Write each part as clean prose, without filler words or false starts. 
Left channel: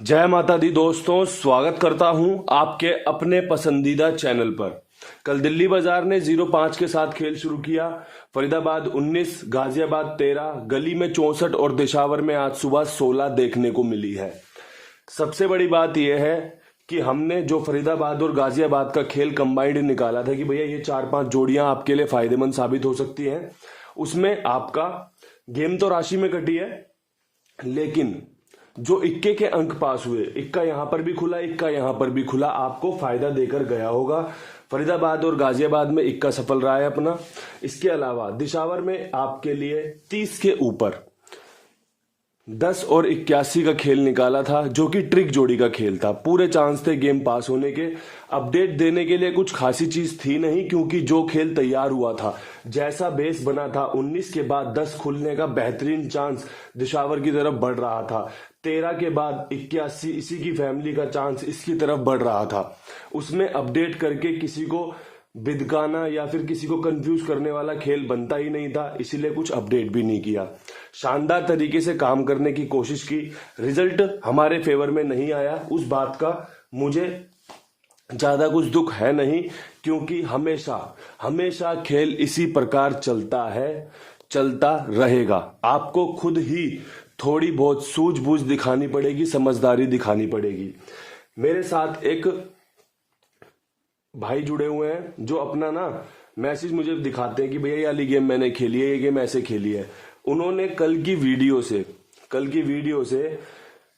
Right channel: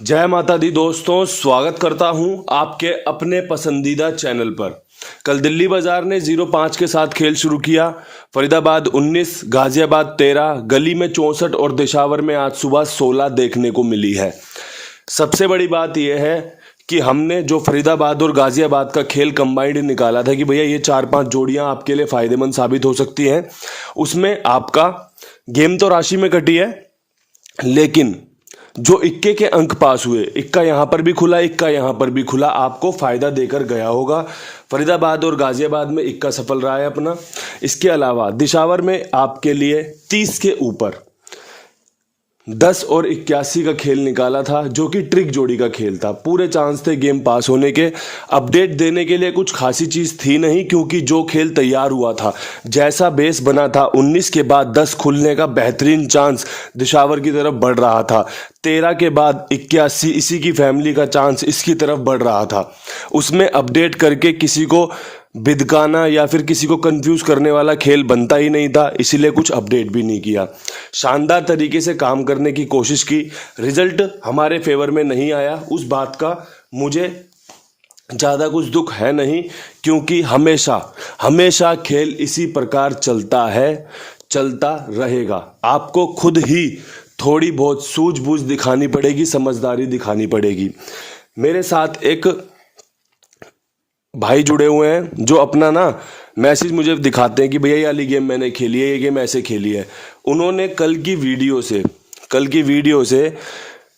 जय माता दी दोस्तों, स्वागत करता हूं आपके अपने पसंदीदा चैनल पर। कल दिल्ली बाजार ने 0-5 के साथ खेल शुरू किया। फरीदाबाद 19, गाजियाबाद 13, गली में 64 और दिशावर में आज सुबह 16 देखने को मिली है। सबसे बड़ी बात यह है कि हमने जो फरीदाबाद और गाजियाबाद का खेल कंबाइंड निकाला था कि भैया ये 4-5 जोड़ियां आपके लिए फायदेमंद साबित हो सकती हैं, उसमें आपका गेम तो राशि में कटी है, लेकिन जो इक्के के अंक पास हुए, इक्का यहां पर भी खुला, इक्का यहां पर भी खुला, आपको फायदा देकर गया होगा। फरीदाबाद और गाजियाबाद में इक्का सफल रहा है अपना। इसके अलावा दिशावर में आपके लिए 30 के ऊपर 10 और 81 का खेल निकाला था, जो कि ट्रिक जोड़ी का खेल था। पूरे चांस थे गेम पास होने के। अपडेट देने के लिए कुछ खासी चीज थी नहीं, क्योंकि जो खेल तैयार हुआ था, जैसा बेस बना था, 19 के बाद 10 खुलने का बेहतरीन चांस दिशावर की तरफ बढ़ रहा था। 13 के बाद 81 इसी की फैमिली का चांस इसकी तरफ बढ़ रहा था। उसमें अपडेट करके किसी को बिदकाना या फिर किसी को कंफ्यूज करने वाला खेल बनता ही नहीं था, इसीलिए कुछ अपडेट भी नहीं किया। शानदार तरीके से काम करने की कोशिश की, रिजल्ट हमारे फेवर में नहीं आया। उस बात का मुझे ज़्यादा कुछ दुख है नहीं, क्योंकि हमेशा हमेशा खेल इसी प्रकार चलता है, चलता रहेगा। आपको खुद ही थोड़ी बहुत सूझबूझ दिखानी पड़ेगी, समझदारी दिखानी पड़ेगी। मेरे साथ एक भाई जुड़े हुए हैं जो अपना मैसेज मुझे दिखाते हैं कि भैया ये वाली गेम मैंने खेली है, ये गेम ऐसे खेली है। उन्होंने कल की वीडियो से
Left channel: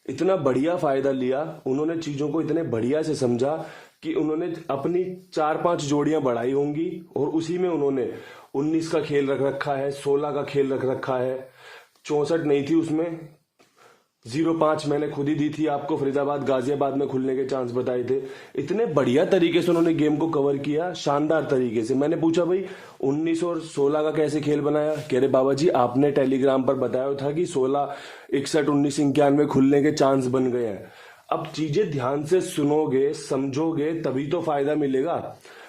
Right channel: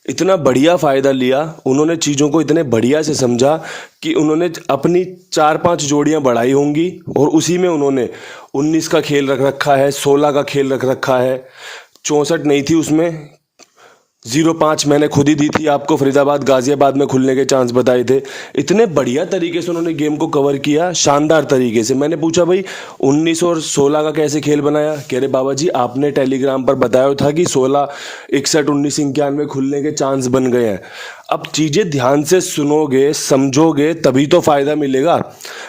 इतना बढ़िया फ़ायदा लिया, उन्होंने चीज़ों को इतने बढ़िया से समझा कि उन्होंने अपनी 4-5 जोड़ियां बढ़ाई होंगी और उसी में उन्होंने 19 का खेल रख रखा है, 16 का खेल रख रखा है, 64 नहीं थी उसमें, 0-5 मैंने खुद ही दी थी आपको। फरीदाबाद गाजियाबाद में खुलने के चांस बताए थे। इतने बढ़िया तरीके से उन्होंने गेम को कवर किया, शानदार तरीके से। मैंने पूछा भाई 19 और 16 का कैसे खेल बनाया? कह रहे बाबा जी आपने टेलीग्राम पर बताया था कि 16, 61, 19, 91 खुलने के चांस बन गए हैं। अब चीज़ें ध्यान से सुनोगे, समझोगे, तभी तो फ़ायदा मिलेगा।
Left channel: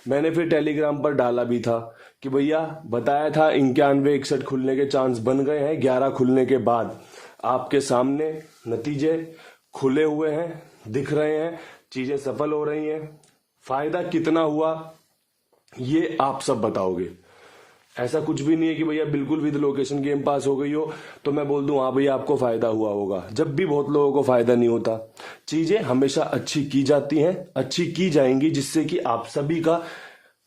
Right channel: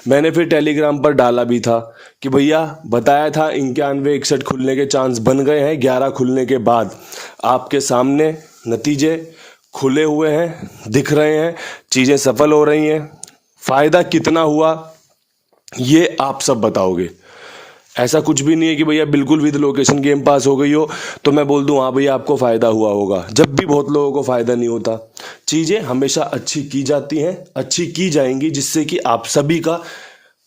मैंने फिर टेलीग्राम पर डाला भी था कि भैया बताया था 91, 61 खुलने के चांस बन गए हैं। 11 खुलने के बाद आपके सामने नतीजे खुले हुए हैं, दिख रहे हैं, चीज़ें सफल हो रही हैं। फ़ायदा कितना हुआ ये आप सब बताओगे। ऐसा कुछ भी नहीं है कि भैया बिल्कुल विद लोकेशन गेम पास हो गई हो तो मैं बोल दूं हाँ भैया आपको फ़ायदा हुआ होगा। जब भी बहुत लोगों को फ़ायदा नहीं होता। चीज़ें हमेशा अच्छी की जाती हैं, अच्छी की जाएंगी, जिससे कि आप सभी का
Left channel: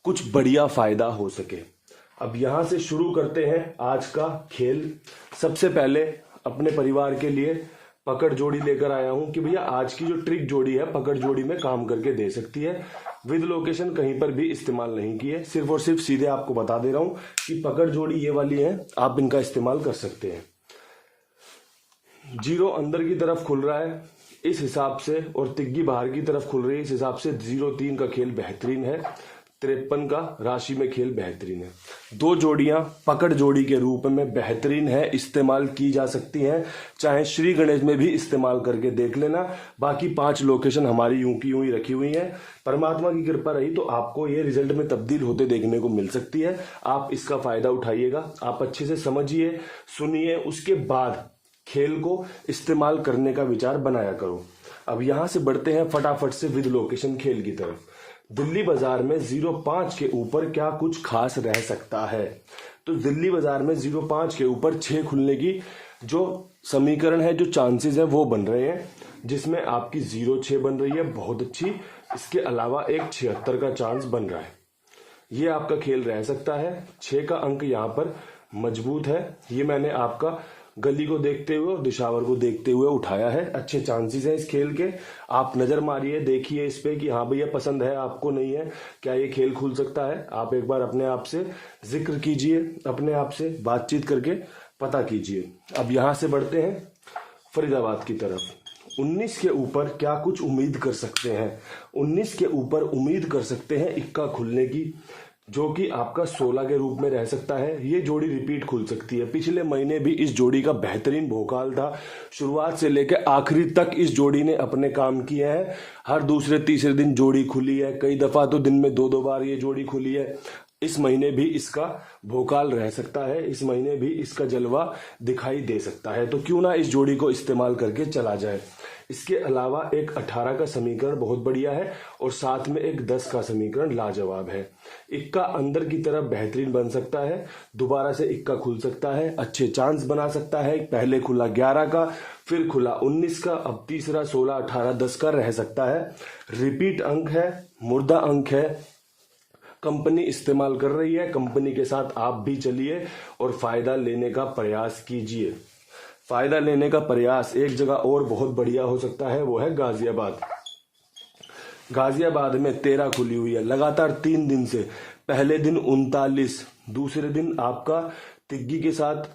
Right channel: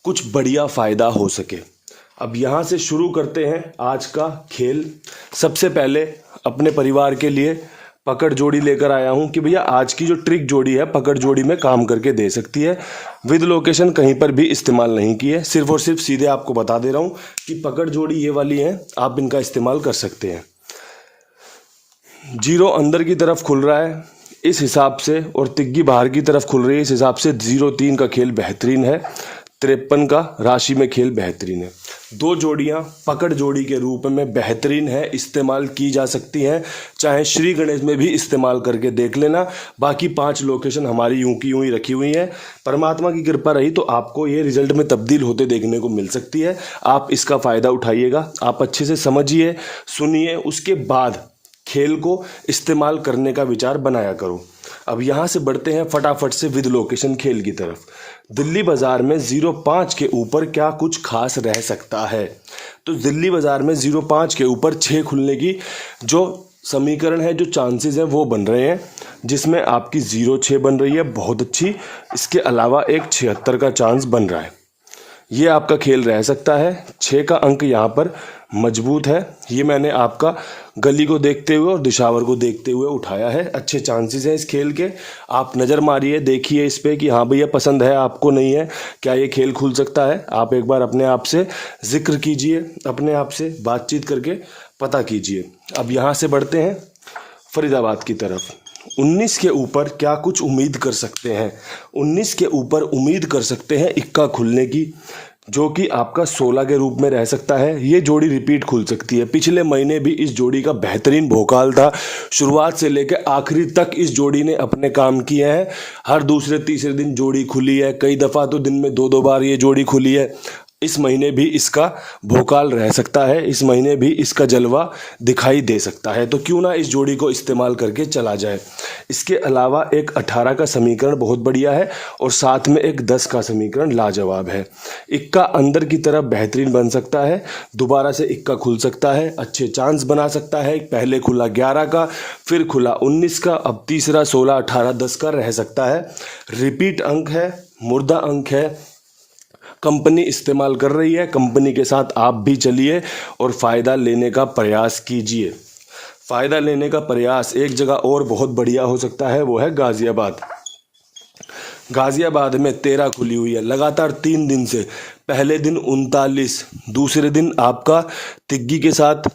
कुछ बढ़िया फ़ायदा हो सके। अब यहाँ से शुरू करते हैं आज का खेल। सबसे पहले अपने परिवार के लिए पकड़ जोड़ी लेकर आया हूँ कि भैया आज की जो ट्रिक जोड़ी है, पकड़ जोड़ी में काम करके दे सकती है। विद लोकेशन कहीं पर भी इस्तेमाल नहीं की है, सिर्फ और सिर्फ सीधे आपको बता दे रहा हूँ कि पकड़ जोड़ी ये वाली है, आप इनका इस्तेमाल कर सकते हैं। 0 अंदर की तरफ खुल रहा है इस हिसाब से, और तिग्गी बाहर की तरफ खुल रही है इस हिसाब से। 0-3 का खेल बेहतरीन है, 53 का राशि में खेल बेहतरीन है। 2 जोड़ियां पकड़ जोड़ी के रूप में बेहतरीन है, इस्तेमाल की जा सकती हैं। चाहे श्री गणेश में भी इस्तेमाल करके देख लेना। बाकी 5 लोकेशन हमारी यूं की यूं ही रखी हुई हैं। परमात्मा की कृपा रही तो आपको ये रिजल्ट में तब्दील होते देखने को मिल सकती है। आप इसका फ़ायदा उठाइएगा। आप अच्छे से समझिए, सुनिए, उसके बाद खेल को इस्तेमाल करने का विचार बनाया करो। अब यहाँ से बढ़ते हैं फटाफट से विद लोकेशन खेल की तरफ। दिल्ली बाजार में 0-5 के ऊपर क्या कुछ खास रह सकता है? तो दिल्ली बाजार में 0-5 के ऊपर 6 खुलने की जो समीकरण है, जो चांसेस हैं, वो बन रहे हैं, जिसमें आपकी 0-6 बन रही है, बहुत अच्छी। इसके अलावा एक 76 का चांस बन रहा है। ये आपका खेल रह सकता है। 6 का अंक यहाँ पर मजबूत है। ये मैंने आपका गली को देखते हुए और दिशावर को देखते हुए उठाया है। अच्छे चांसेस हैं इस खेल के। आप नज़र मारिए, देखिए इस पे कि हाँ भैया पसंद है आपको, नहीं है, क्या ये खेल खुल सकता है। आप एक बार अपने आप से जिक्र कीजिए, अपने आप से बातचीत करके पता कीजिए। अब यहाँ से बढ़ते हैं फरीदाबाद की तरफ। 19 के ऊपर क्या कुछ उम्मीद कर सकते हैं? 19 के ऊपर उम्मीद कर सकते हैं इक्का खुलने की, जो कि आपका 16 के रूप में रह सकता है। ये जोड़ी रिपीट खुल सकती है। पिछले महीने भी इस जोड़ी का बेहतरीन भोकाल था। शुरुआत से लेकर आखिरी तक इस जोड़ी ने अपने काम किए हैं। हर दूसरे तीसरे दिन जोड़ी खुली है, कई दफ़ा तो दिन में 2-2 बार ये जोड़ी खुली है। इस महीने भी इसका भोकाल रह सकता है, इस महीने भी इसका जलवा दिखाई दे सकता है। तो क्यों ना इस जोड़ी को इस्तेमाल करके चला जाए। इसके अलावा एक 18 का समीकरण बहुत बढ़िया है और साथ में एक 10 का समीकरण लाजवाब है। इक्का अंदर की तरफ बेहतरीन बन सकता है, दोबारा से इक्का खुल सकता है, अच्छे चांस बना सकता है। पहले खुला 11 का, फिर खुला 19 का, अब तीसरा 16, 18, 10 का रह सकता है। रिपीट अंक है, मुर्दा अंक है, कंपनी इस्तेमाल कर रही है, कंपनी के साथ आप भी चलिए और फ़ायदा लेने का प्रयास कीजिए। फ़ायदा लेने का प्रयास एक जगह और बहुत बढ़िया हो सकता है, वो है गाज़ियाबाद। गाज़ियाबाद में 13 खुली हुई है लगातार 3 दिन से। पहले दिन 39, दूसरे दिन आपका तिग्गी के साथ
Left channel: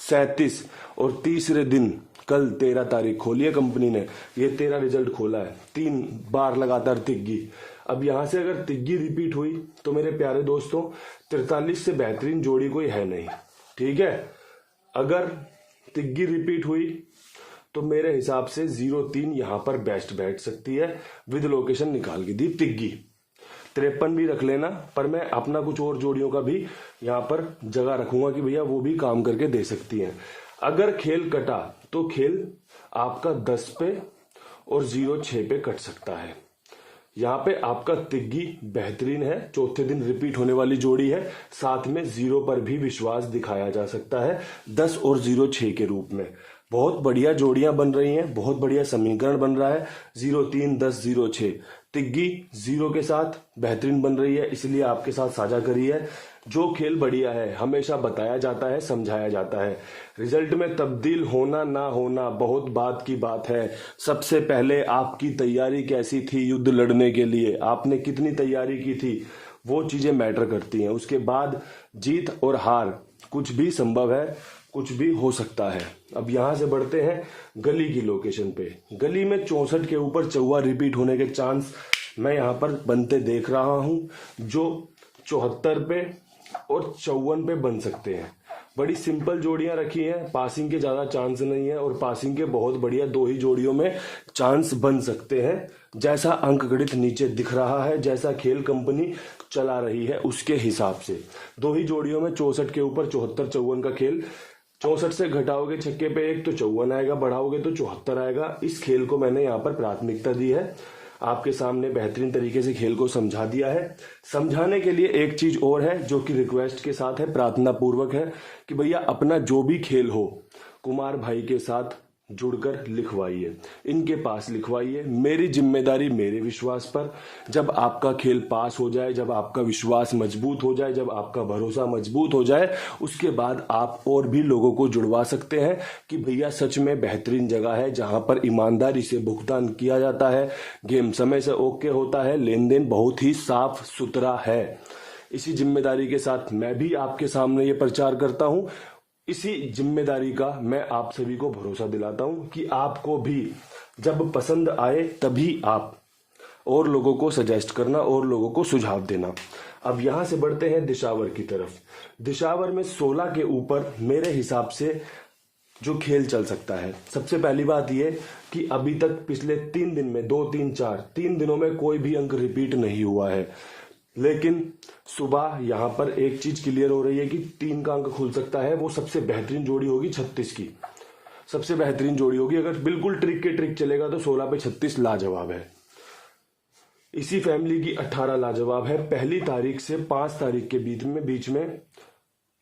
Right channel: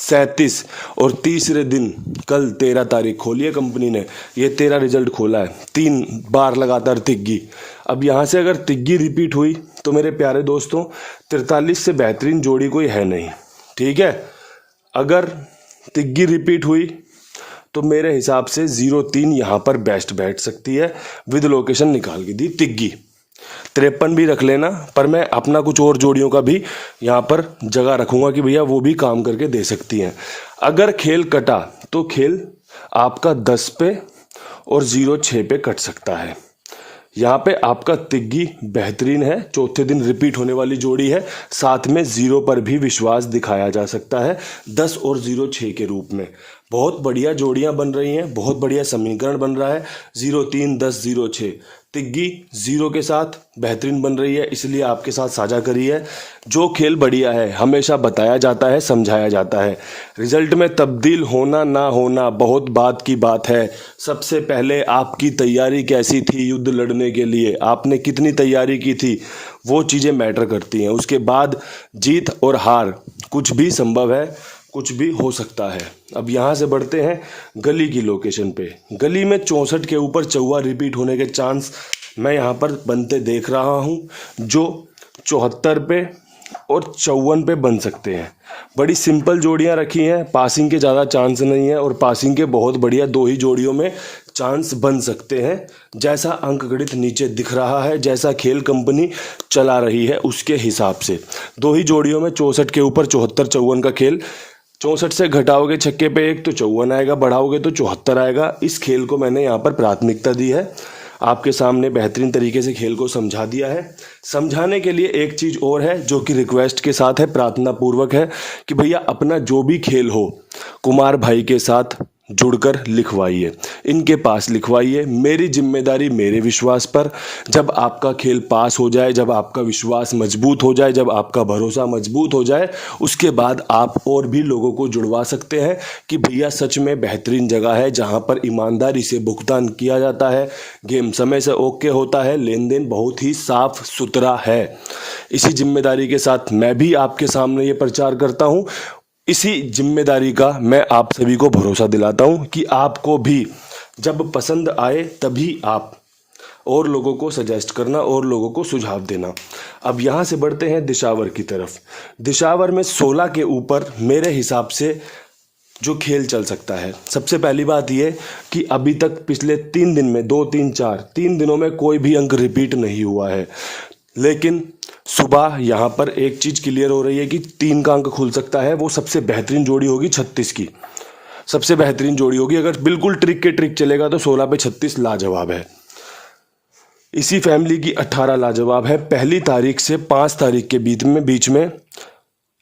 37 और तीसरे दिन कल 13 तारीख खोली है कंपनी ने, ये 13 रिजल्ट खोला है, 3 बार लगातार तिग्गी। अब यहाँ से अगर तिग्गी रिपीट हुई तो मेरे प्यारे दोस्तों 43 से बेहतरीन जोड़ी कोई है नहीं, ठीक है। अगर तिग्गी रिपीट हुई तो मेरे हिसाब से 0-3 यहाँ पर बेस्ट बैठ सकती है, विद लोकेशन निकाल के दी तिग्गी। 53 भी रख लेना, पर मैं अपना कुछ और जोड़ियों का भी यहाँ पर जगह रखूँगा कि भैया वो भी काम करके दे सकती हैं। अगर खेल कटा तो खेल आपका 10 पे और 0-6 पे कट सकता है। यहाँ पे आपका तिग्गी बेहतरीन है, चौथे दिन रिपीट होने वाली जोड़ी है, साथ में 0 पर भी विश्वास दिखाया जा सकता है 10 और 0-6 के रूप में। बहुत बढ़िया जोड़ियाँ बन रही हैं, बहुत बढ़िया समीकरण बन रहा है। 0-3, 10, 0-6 तिग्गी 0 के साथ बेहतरीन बन रही है, इसलिए आपके साथ साझा करी है। जो खेल बढ़िया है हमेशा बताया जाता है, समझाया जाता है। रिजल्ट में तब्दील होना ना होना बहुत बात की बात है। सबसे पहले आपकी तैयारी कैसी थी युद्ध लड़ने के लिए, आपने कितनी तैयारी की थी, वो चीज़ें मैटर करती हैं। उसके बाद जीत और हार कुछ भी संभव है, कुछ भी हो सकता है। अब यहाँ से बढ़ते हैं गली की लोकेशन पे। गली में 64 के ऊपर चौवा रिपीट होने के चांस मैं यहाँ पर बनते देख रहा हूँ, जो 74 पे और 54 पे बन सकते हैं। बड़ी सिंपल जोड़ियाँ रखी हैं, पासिंग के ज़्यादा चांस नहीं है और पासिंग के बहुत बढ़िया 2 ही जोड़ियों में चांस बन सकते हैं। जैसा अंक गणित नीचे दिख रहा है, जैसा खेल कंपनी चला रही है उसके हिसाब से 2 ही जोड़ियों में 64 के ऊपर 74-54 का खेल। 64 से घटाओगे छक्के पे 1 तो 54 आएगा, बढ़ाओगे तो 74 आएगा। इस खेल को मैंने यहाँ पर प्राथमिकता दी है, आपके सामने बेहतरीन तरीके से खेल को समझा दिया है। समझाने के लिए एक चीज़ और है जो कि रिक्वेस्ट के साथ है, प्रार्थना पूर्वक है कि भैया अपना जो भी खेल हो कुमार भाई के साथ जुड़कर लिखवाइए, इनके पास लिखवाइए। मेरी जिम्मेदारी मेरे विश्वास पर। जब आपका खेल पास हो जाए, जब आपका विश्वास मजबूत हो जाए, जब आपका भरोसा मजबूत हो जाए, उसके बाद आप और भी लोगों को जुड़वा सकते हैं कि भैया सच में बेहतरीन जगह है जहां पर ईमानदारी से भुगतान किया जाता है, गेम समय से ओके होता है, लेन देन बहुत ही साफ सुथरा है। इसी जिम्मेदारी के साथ मैं भी आपके सामने ये प्रचार करता हूँ। इसी जिम्मेदारी का मैं आप सभी को भरोसा दिलाता हूं कि आपको भी जब पसंद आए तभी आप और लोगों को सजेस्ट करना और लोगों को सुझाव देना। अब यहाँ से बढ़ते हैं दिशावर की तरफ। दिशावर में 16 के ऊपर मेरे हिसाब से जो खेल चल सकता है, सबसे पहली बात यह कि अभी तक पिछले 3 दिन में 2, 3, 4 3 दिनों में कोई भी अंक रिपीट नहीं हुआ है। लेकिन सुबह यहाँ पर एक चीज़ क्लियर हो रही है कि 3 का अंक खुल सकता है। वो सबसे बेहतरीन जोड़ी होगी 36 की, सबसे बेहतरीन जोड़ी होगी। अगर बिल्कुल ट्रिक के ट्रिक चलेगा तो 16 पे 36 लाजवाब है। इसी फैमिली की 18 लाजवाब है। पहली तारीख से 5 तारीख के बीच में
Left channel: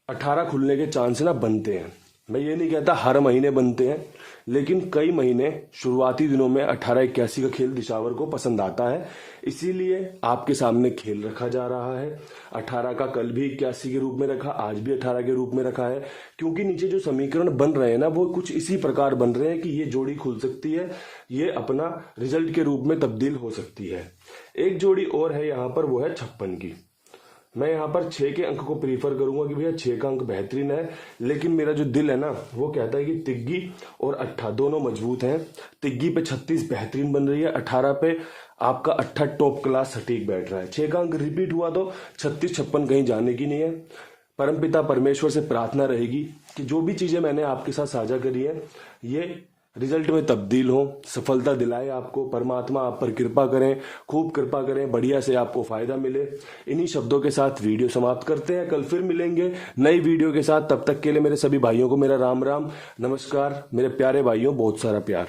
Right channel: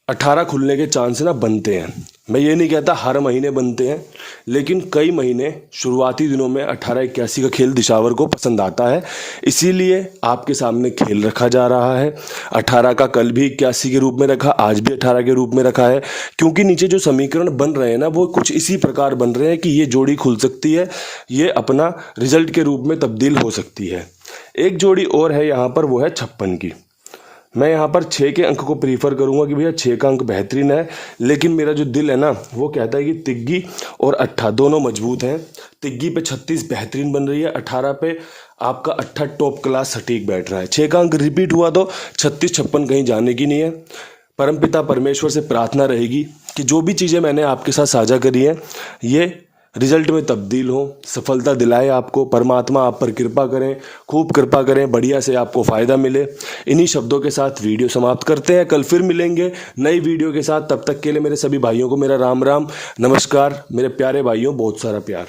18 खुलने के चांस ना बनते हैं। मैं ये नहीं कहता हर महीने बनते हैं, लेकिन कई महीने शुरुआती दिनों में 18-81 का खेल दिशावर को पसंद आता है, इसीलिए आपके सामने खेल रखा जा रहा है। 18 का कल भी 81 के रूप में रखा, आज भी 18 के रूप में रखा है, क्योंकि नीचे जो समीकरण बन रहे हैं ना वो कुछ इसी प्रकार बन रहे हैं कि ये जोड़ी खुल सकती है, ये अपना रिजल्ट के रूप में तब्दील हो सकती है। एक जोड़ी और है यहाँ पर, वो है 56 की। मैं यहाँ पर 6 के अंक को प्रीफर करूँगा कि भैया 6 का अंक बेहतरीन है, लेकिन मेरा जो दिल है ना वो कहता है कि तिग्गी और 18 दोनों मजबूत हैं। तिग्गी पे 36 बेहतरीन बन रही है, 18 पे आपका 18 टॉप क्लास सटीक बैठ रहा है। 6 का अंक रिपीट हुआ तो 36-56 कहीं जाने की नहीं है। परमपिता परमेश्वर से प्रार्थना रहेगी कि जो भी चीज़ें मैंने आपके साथ साझा करी हैं ये रिजल्ट में तब्दील हो, सफलता दिलाए आपको। परमात्मा आप पर कृपा करें, खूब कृपा करें, बढ़िया से आपको फ़ायदा मिले। इन्हीं शब्दों के साथ वीडियो समाप्त करते हैं। कल फिर मिलेंगे नई वीडियो के साथ। तब तक के लिए मेरे सभी भाइयों को मेरा राम राम, नमस्कार। मेरे प्यारे भाइयों, बहुत सारा प्यार।